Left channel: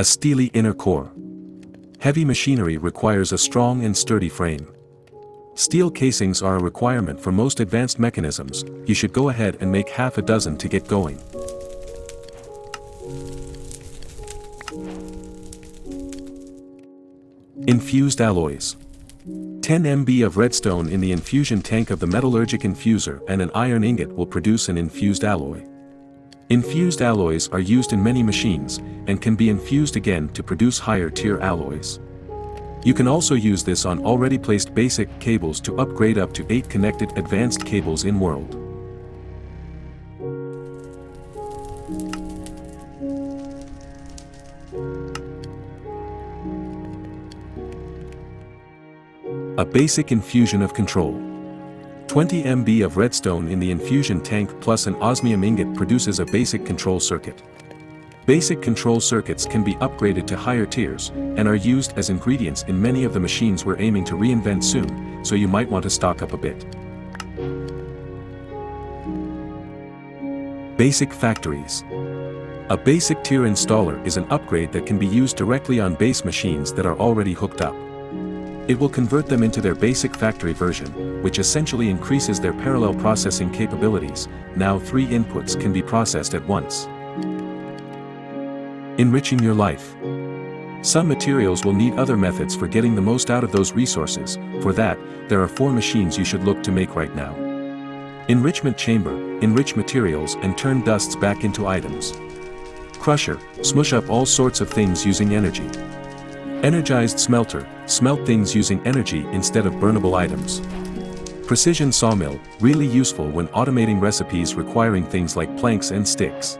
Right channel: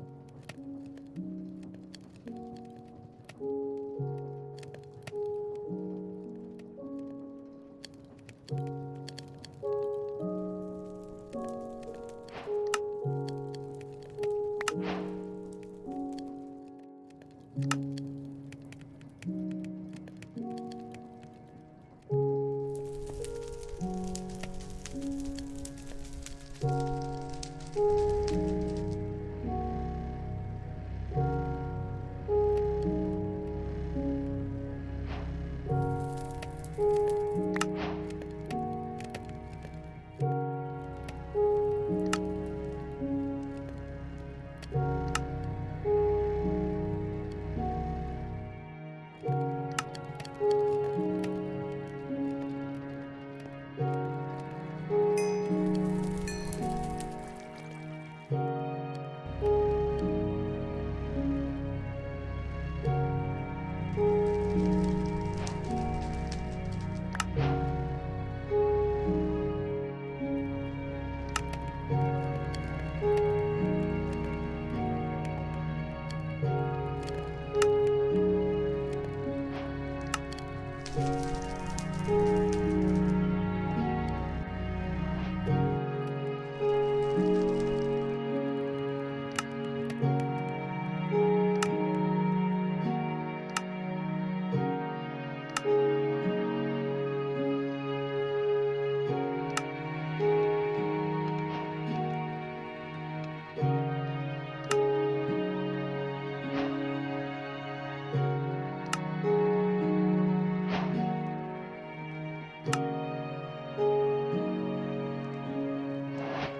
A steely inner core. Heavy machinery requires a strong and sturdy frame. Steel casings are a requirement for most advanced mechanisms. You should go ahead and make half a dozen to get going. Infused alloys. 10 MB of redstone in the infusion tank of the metallurgic infuser and an iron ingot will produce an infused alloy. Infused alloys are used in many machines, and can be infused again to produce higher tier alloys. You can also use this on already placed basic cables to upgrade up to 8 connected advanced cables in world. A basic infusion of control. 20 MB of redstone in the infusion tank plus an osmium ingot produces a basic control circuit. Basic control circuits can be upgraded to higher tiers, and are used as ingredients in many of the machines we're aiming to reinvent soon, so you might want to stock up a bit. Basic factories. A basic tier installer is an upgrade that can be used directly on base machines that are already hooked up. It will convert them into their basic factory version, which essentially increases their parallel processing capabilities. Now 3 inputs can be processed at once. Enriching your life. Some materials will need other methods for getting the most out of those resources. For that, there are 4 machines you should look to make right now. Enrichment chamber, enrich materials and turn dusts back into items. Crusher, smush up all sorts of things using energy. Energized smelter, smelt things using energy instead of burnable items. Precision sawmill, really useful when automating recipes requiring things like planks and sticks.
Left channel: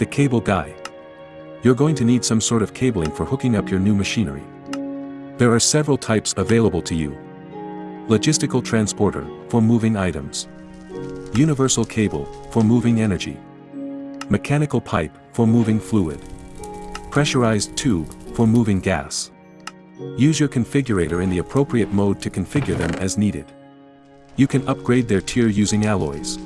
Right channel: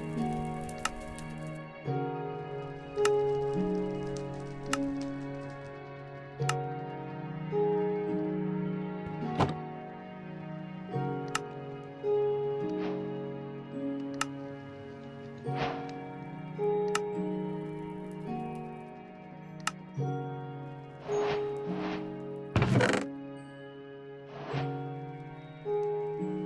The cable guy. You're going to need some sort of cabling for hooking up your new machinery. There are several types available to you. Logistical transporter, for moving items. Universal cable, for moving energy. Mechanical pipe, for moving fluid. Pressurized tube, for moving gas. Use your configurator in the appropriate mode to configure them as needed. You can upgrade their tier using alloys.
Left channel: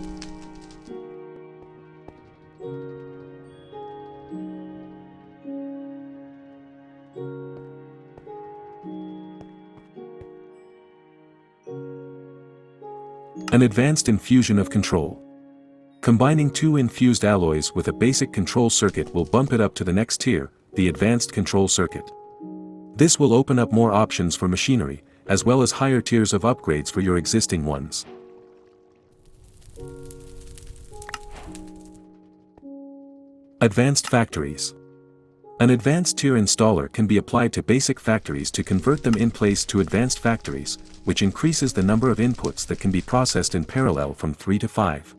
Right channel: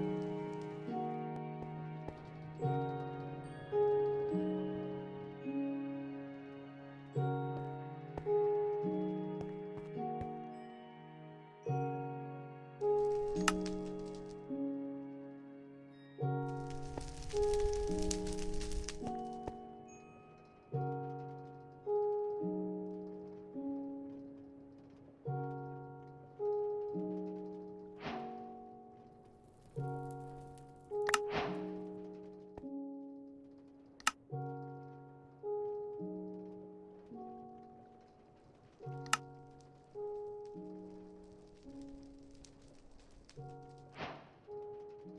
An advanced infusion of control. Combining 2 infused alloys with a basic control circuit will bump it up to the next tier, the advanced control circuit. This will open up more options for machinery, as well as higher tiers of upgrades for your existing ones. Advanced factories. An advanced tier installer can be applied to basic factories to convert them in place to advanced factories, which increases the number of inputs that can be processed in parallel from 3 to 5.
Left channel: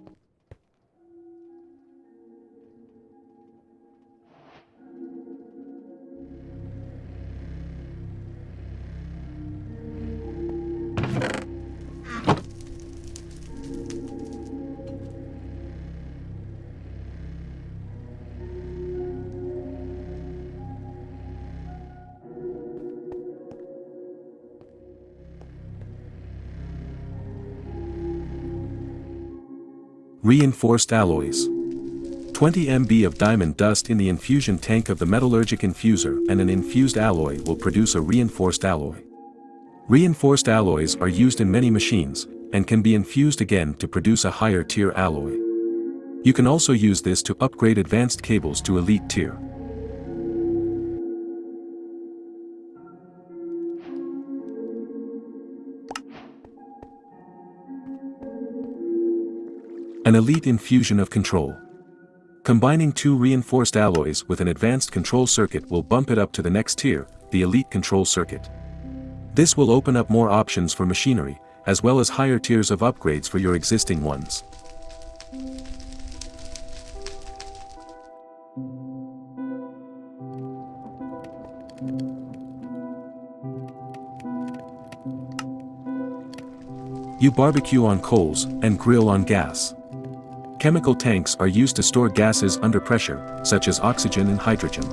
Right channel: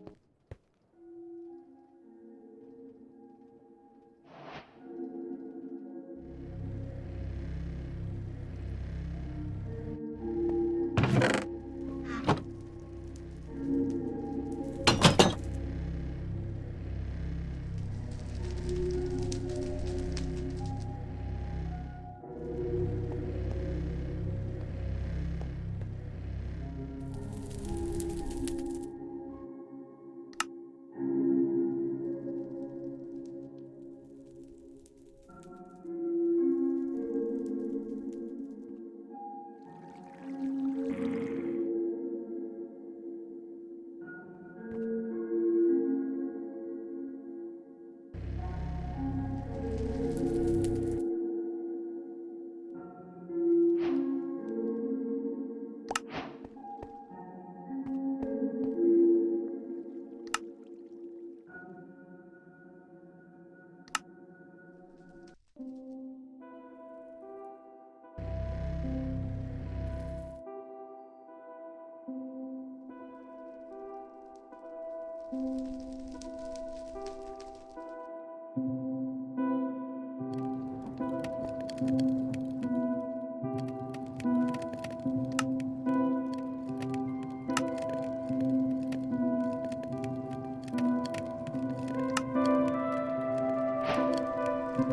Reinforced alloys. 20 MB of diamond dust in the infusion tank of the metallurgic infuser and an infused alloy will produce a reinforced alloy. Reinforced alloys are used in many machines, and can be infused again to produce a higher tier alloy. You can also use this to upgrade advanced cables to elite tier. An elite infusion of control. Combining 2 reinforced alloys with an advanced control circuit will bump it up to the next tier, the elite control circuit. This will open up more options for machinery, as well as higher tiers of upgrades for your existing ones. You barbecue on coals and grill on gas. Chemical tanks are used to store gases under pressure, such as oxygen and hydrogen.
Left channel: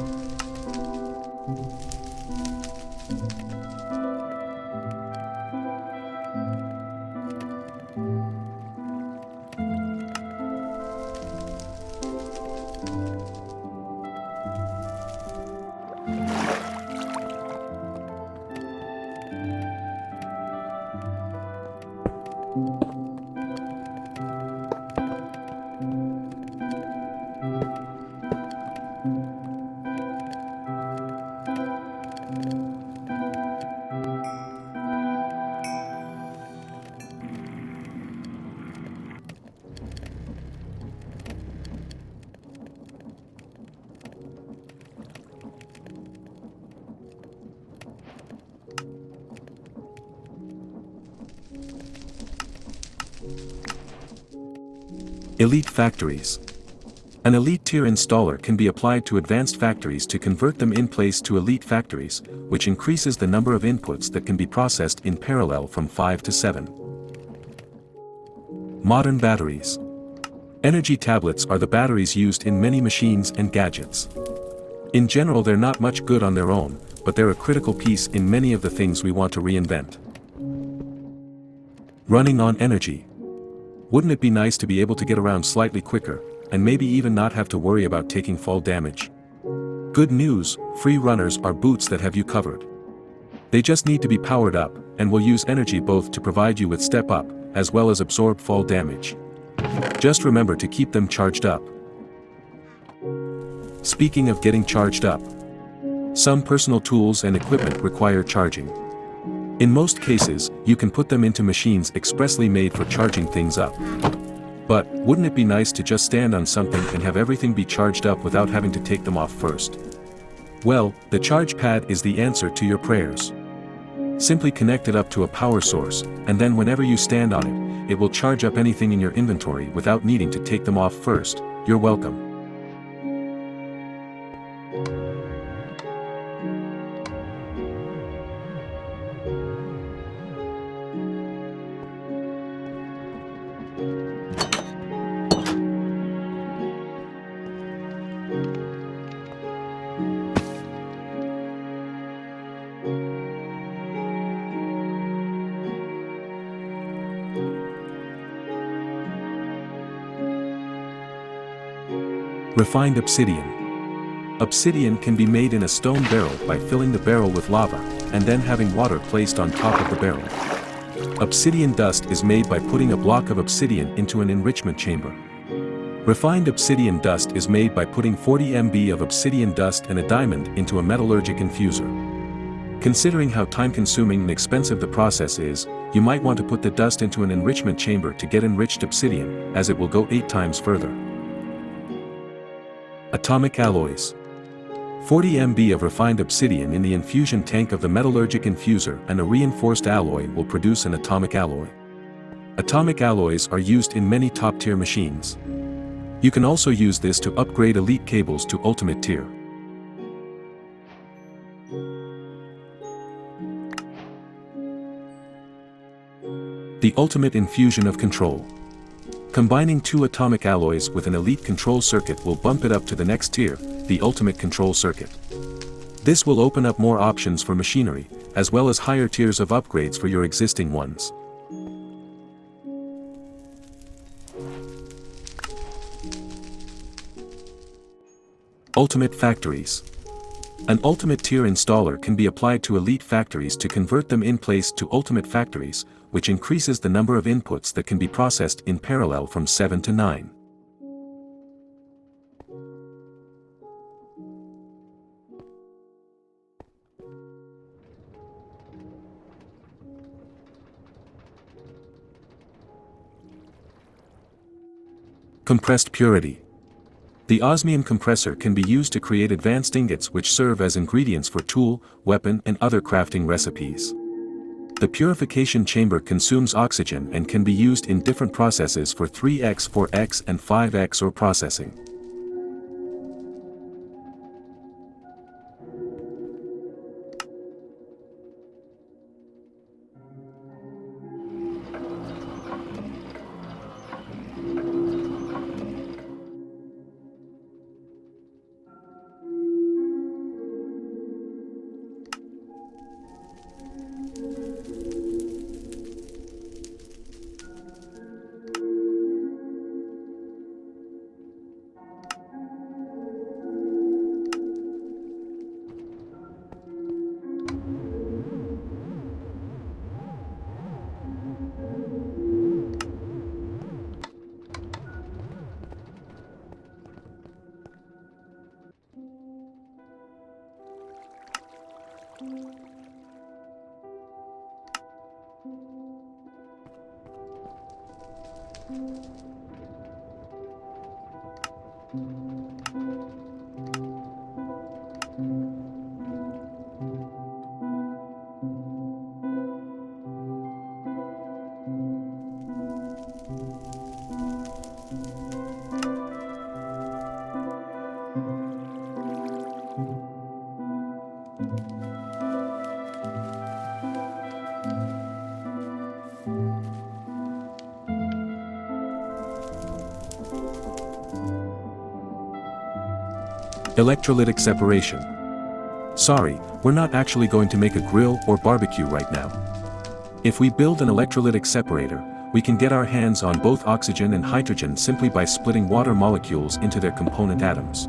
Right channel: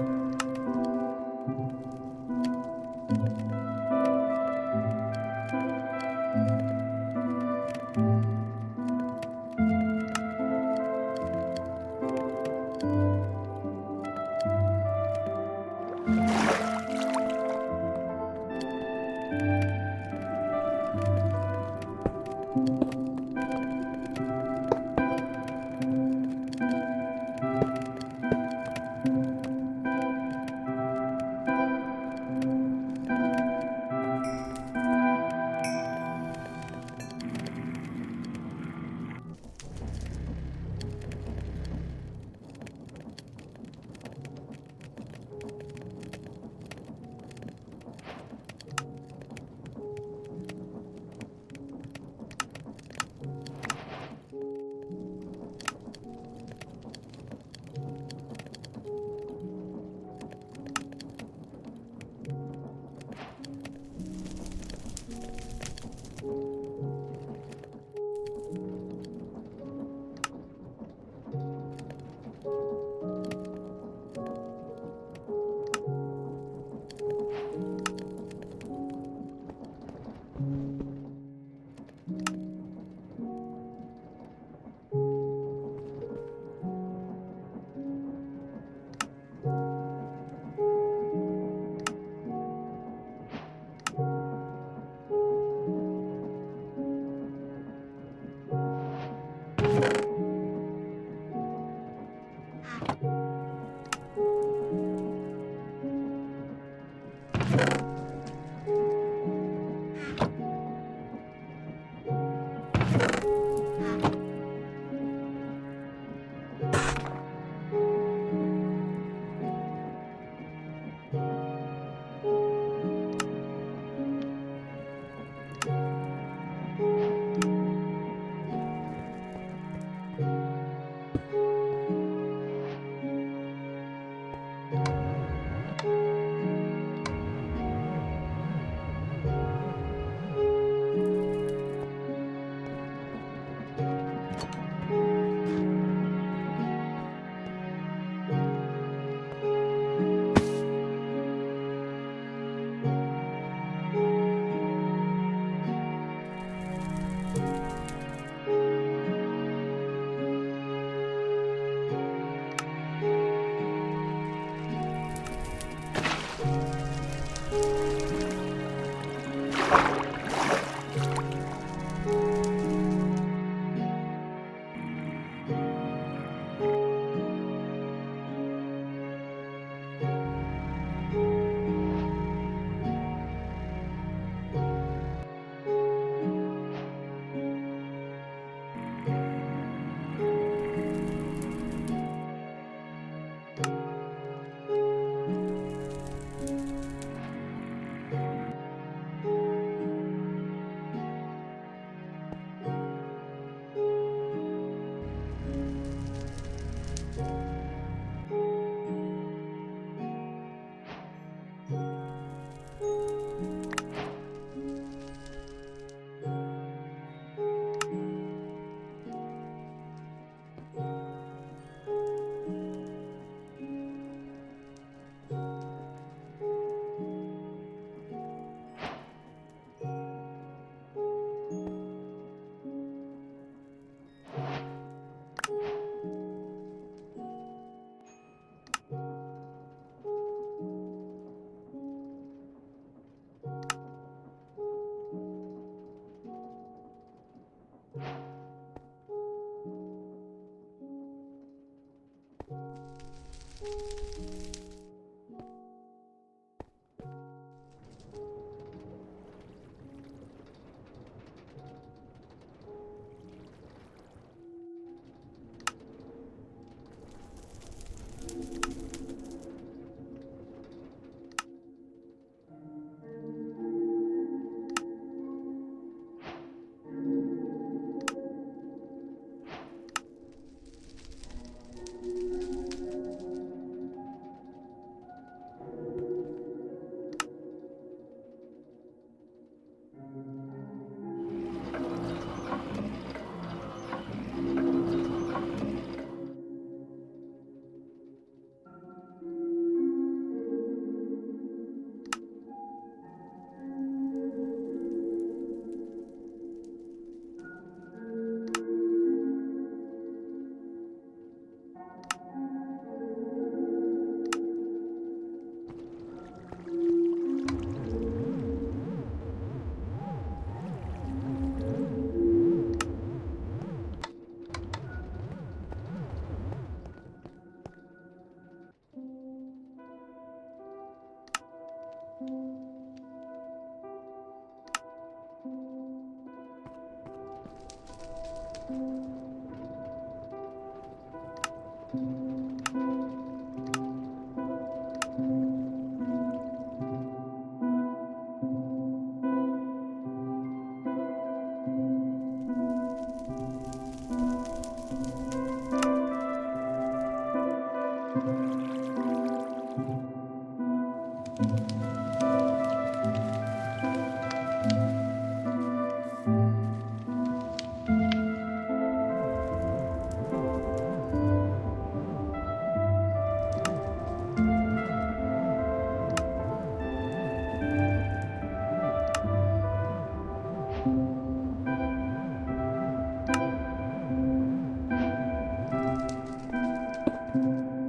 Elite factories. An elite tier installer can be applied to advanced factories to convert them in place to elite factories, which increases the number of inputs that can be processed in parallel from 5 to 7. Modern batteries. Energy tablets are the batteries used in many machines and gadgets. In general, they're not much good on their own, but they're a critical piece in many of the things we want to reinvent. Running on energy. Wouldn't it be nice to be able to get around slightly quicker, and maybe even not have to worry about taking fall damage? Good news, free runners are boots that have you covered. They just need to be powered up, and will use energy both to provide you with step up, as well as absorb fall damage. Just remember to keep them charged up. Speaking of getting charged up, some personal tools and equipment require charging. In most cases, you can put them into machines expressly made for charging things up. But, wouldn't it be nice to just stand on something and have everything be charged up without having to take them off first? Well, the charge pad is the answer to your prayers. Simply connect it up to a power source, and then whenever you stand on it, it will charge up anything in your inventory without needing to take them off first. You're welcome. Refined obsidian. Obsidian can be made in a stone barrel by filling the barrel with lava, and then having water placed on top of the barrel. Obsidian dust is made by putting a block of obsidian into an enrichment chamber. Refined obsidian dust is made by putting 40 MB of obsidian dust and a diamond into a metallurgic infuser. Considering how time-consuming and expensive the process is, you might want to put the dust into an enrichment chamber to get enriched obsidian, as it will go 8 times further. Atomic alloys. 40 MB of refined obsidian in the infusion tank of the metallurgic infuser and a reinforced alloy will produce an atomic alloy. Atomic alloys are used in many top-tier machines. You can also use this to upgrade elite cables to ultimate tier. The ultimate infusion of control. Combining 2 atomic alloys with an elite control circuit will bump it up to the next tier, the ultimate control circuit. This will open up more options for machinery, as well as higher tiers of upgrades for your existing ones. Ultimate factories. An ultimate tier installer can be applied to elite factories to convert them in place to ultimate factories, which increases the number of inputs that can be processed in parallel from 7 to 9. Compressed purity. The osmium compressor can be used to create advanced ingots which serve as ingredients for tool, weapon and other crafting recipes. The purification chamber consumes oxygen and can be used in different processes for 3x, 4x and 5x ore processing. Electrolytic separation. Sorry, we're not actually going to make a grill or barbecue right now. If we build an electrolytic separator, we can get our hands on both oxygen and hydrogen simply by splitting water molecules into their component atoms.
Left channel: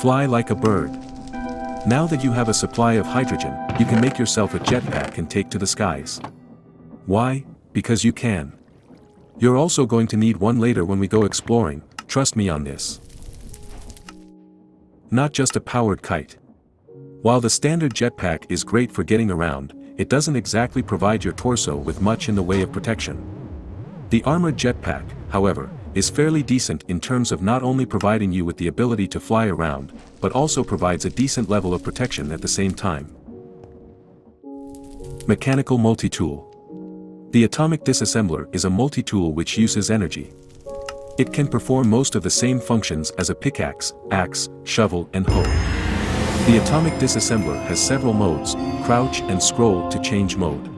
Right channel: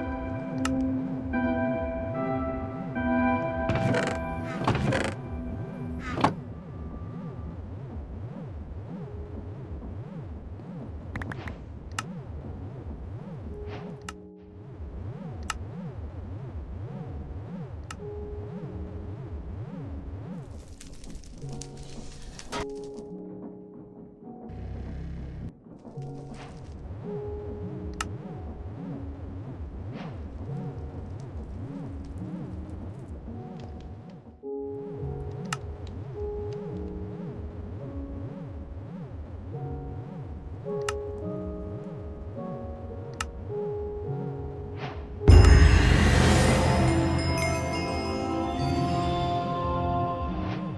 Fly like a bird. Now that you have a supply of hydrogen, you can make yourself a jetpack and take to the skies. Why? Because you can. You're also going to need one later when we go exploring, trust me on this. Not just a powered kite. While the standard jetpack is great for getting around, it doesn't exactly provide your torso with much in the way of protection. The armored jetpack, however, is fairly decent in terms of not only providing you with the ability to fly around, but also provides a decent level of protection at the same time. Mechanical multi-tool. The atomic disassembler is a multi-tool which uses energy. It can perform most of the same functions as a pickaxe, axe, shovel, and hoe. The atomic disassembler has several modes, crouch and scroll to change mode.